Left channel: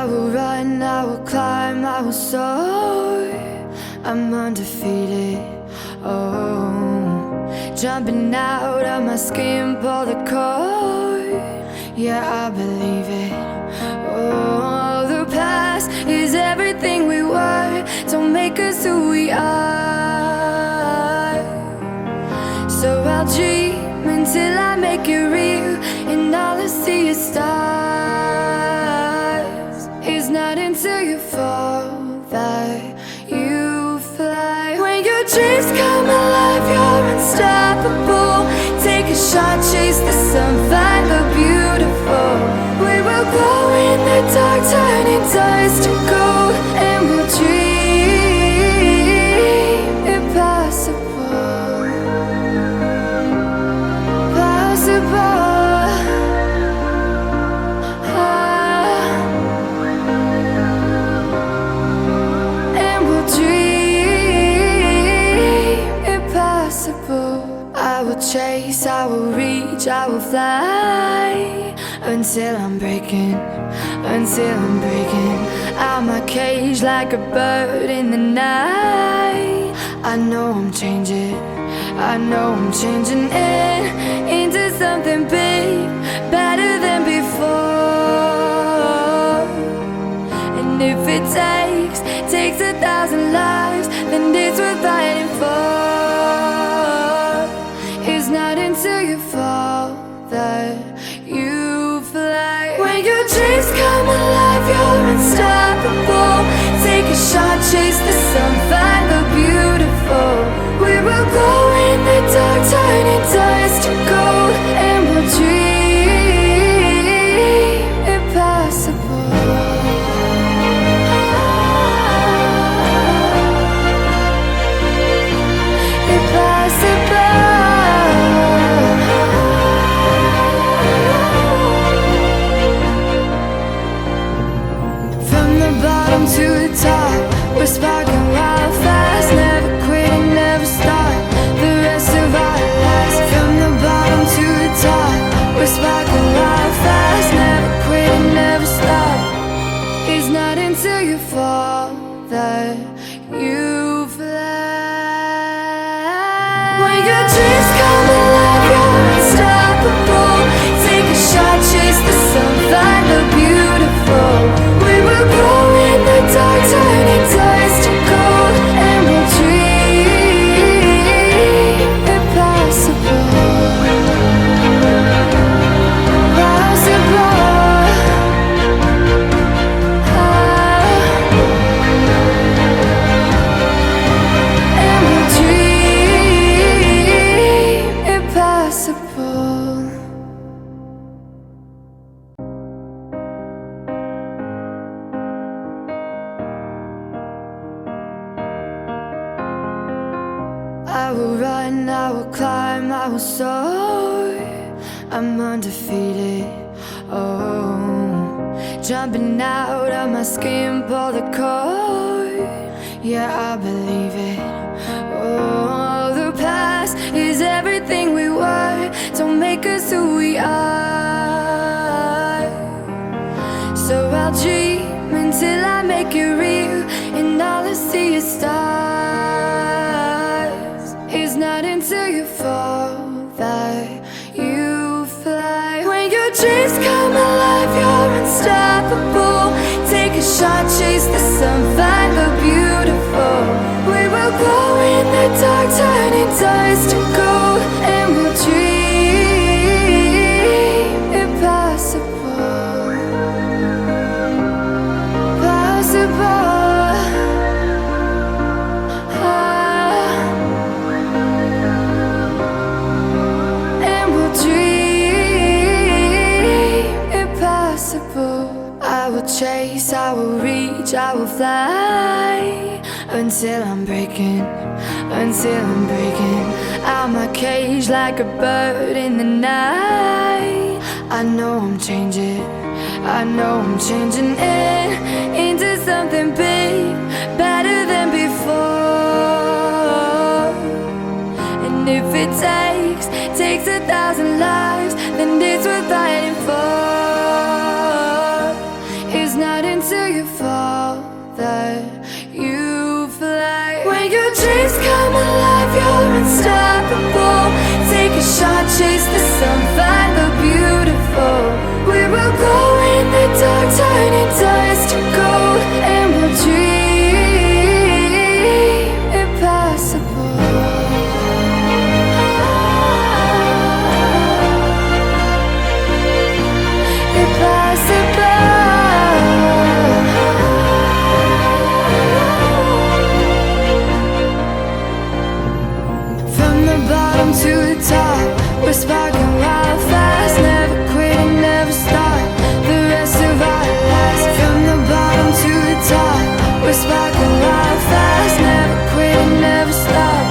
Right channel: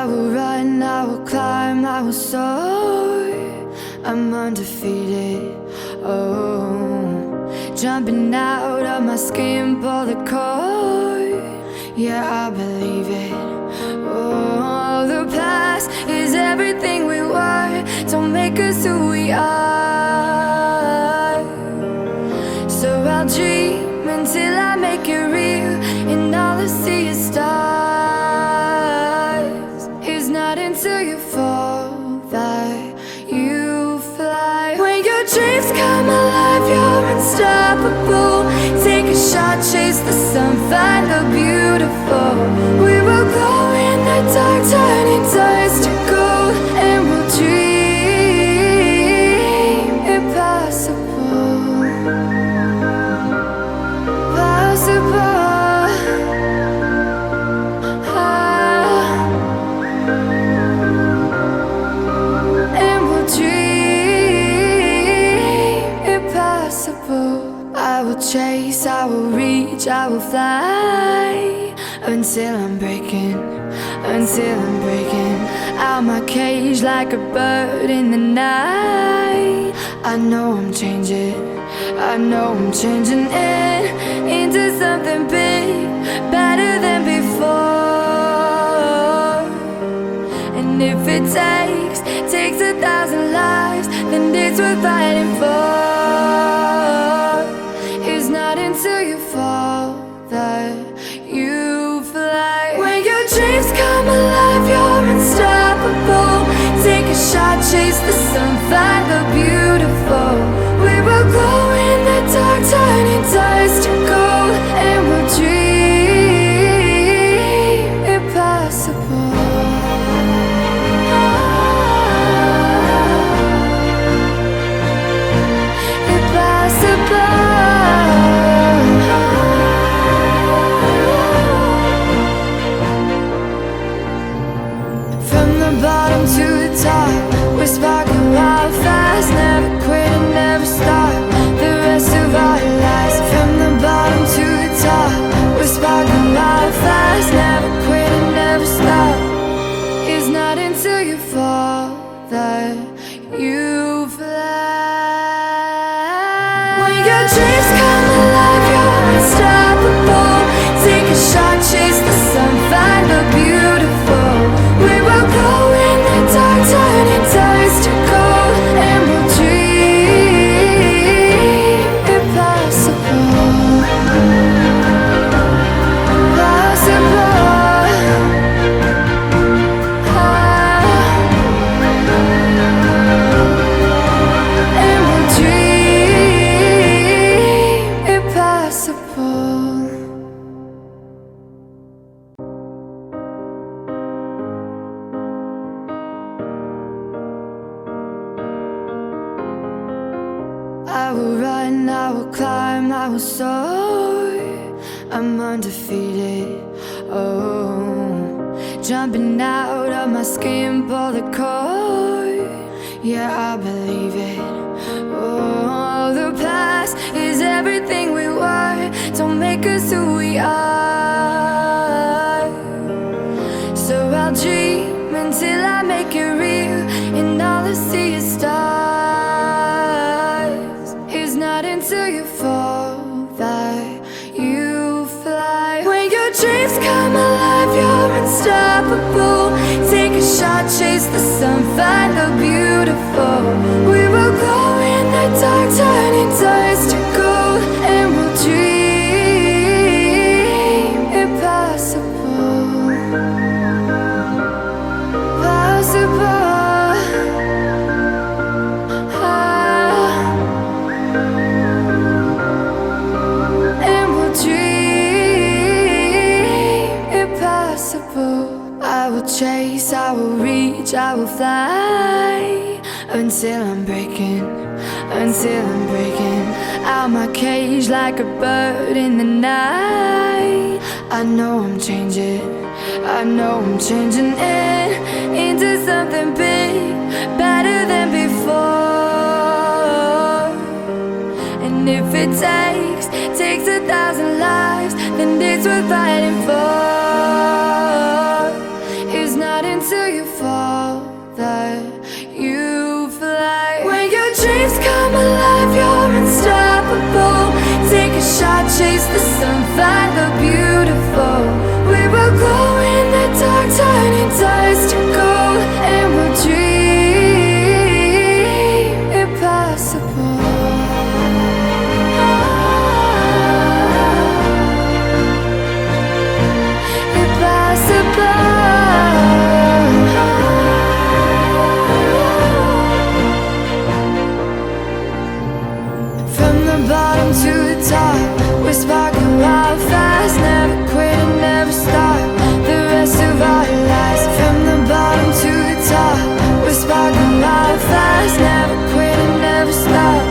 I will run, I will climb, I will soar. I'm undefeated, oh. Jumping out of my skin, pull the cord. Yeah, I believe it. Oh, the past is everything we were. Don't make us who we are. So I'll dream until I make it real, and all I see is stars. It's not until you fall that you fly. When your dreams come alive, you're unstoppable. Take a shot, chase the sun, find the beautiful. We will go in the dark, turning dust to gold, and we'll dream impossible. Possible. And we'll dream impossible. I will chase, I will reach, I will fly until I'm breaking out my cage like a bird in the night. I know I'm changing into something big, better than before. And if it takes 1,000 lives, then it's worth fighting for. It's not until you fall that you fly. When your dreams come alive, you're unstoppable. Take a shot, chase the sun, find the beautiful. We will go in the dark, turning dust to gold, and we'll dream impossible. Impossible. From the bottom to the top, we're sparking wild fast. Never quit and never stop the rest of our lives. From the bottom to the top, we're sparking wild fast. Never quit and never stop. It's not until you fall that you fly. When your dreams come alive, you're unstoppable. Take a shot, chase the sun, find the beautiful. We will go in the dark, turning dust to gold, and we'll dream impossible. Possible. And we'll dream impossible. I will run, I will climb, I will soar. I'm undefeated, oh. Jumping out of my skin, pull the cord. Yeah, I believe it. Oh, the past is everything we were. Don't make us who we are. So I'll dream until I make it real, and all I see is stars. It's not until you fall that you fly. When your dreams come alive, you're unstoppable. Take a shot, chase the sun, find the beautiful. We will go in the dark, turning dust to gold, and we'll dream impossible. Possible. I will chase, I will reach, I will fly until I'm breaking out my cage like a bird in the night. I know I'm changing into something big, better than before. And if it takes 1,000 lives, then it's worth fighting for. It's not until chase the sun, find the beautiful. We will go in the dark, turning dust to gold, and we'll dream impossible. From the bottom to the top, we're sparking wild fast, never quit and never stop the rest of our lives. From the bottom to the top, we're sparking wild fast, never quit and never stop.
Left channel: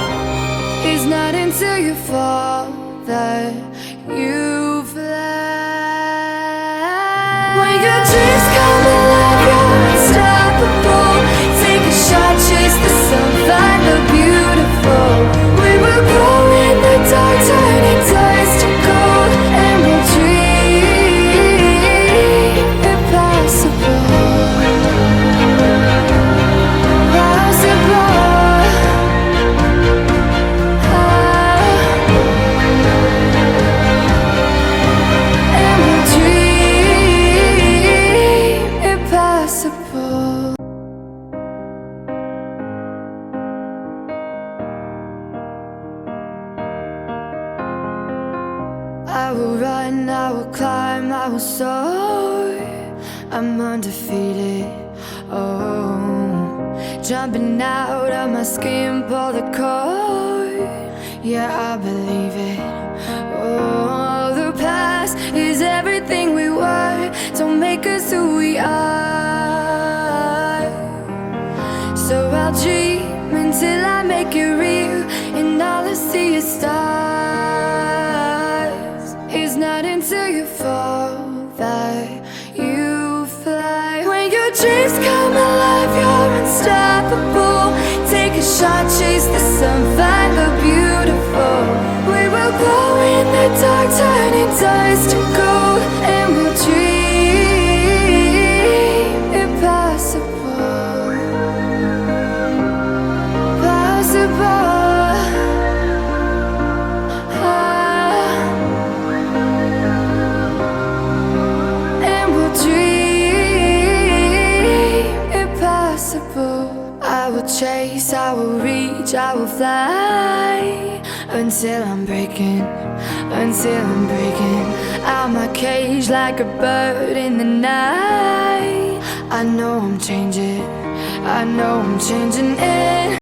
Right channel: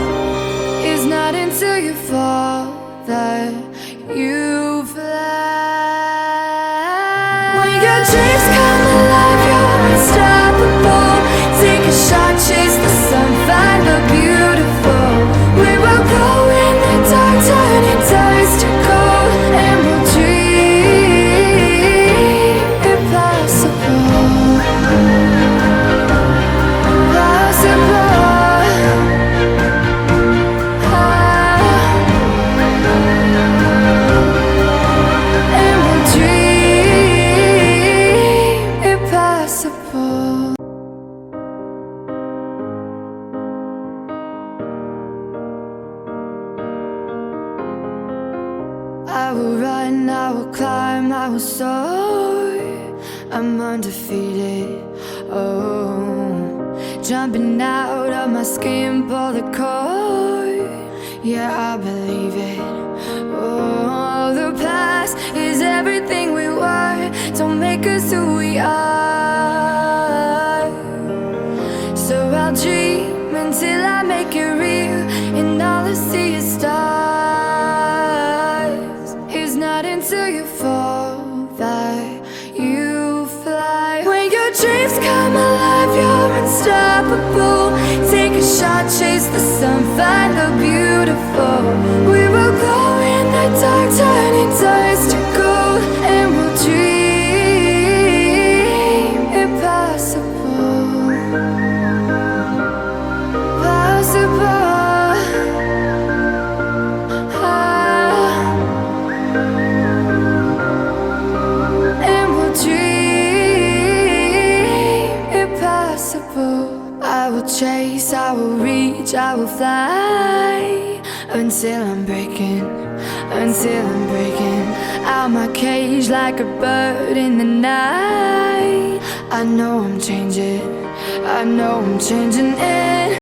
It's not until you fall that you fly. When your dreams come alive, you're unstoppable. Take a shot, chase the sun, find the beautiful. We will go in the dark, turning dust to gold, and we'll dream impossible. Possible. And we'll dream impossible. I will run, I will climb, I will soar. I'm undefeated, oh. Jumping out of my skin, pull the cord. Yeah, I believe it. Oh, the past is everything we were. Don't make us who we are. So I'll dream until I make it real, and all I see is stars. It's not until you fall that you fly. When your dreams come alive, you're unstoppable. Take a shot, chase the sun, find the beautiful. We will go in the dark, turning dust to gold, and we'll dream impossible. Possible. I will chase, I will reach, I will fly until I'm breaking out my cage like a bird in the night. I know I'm changing it.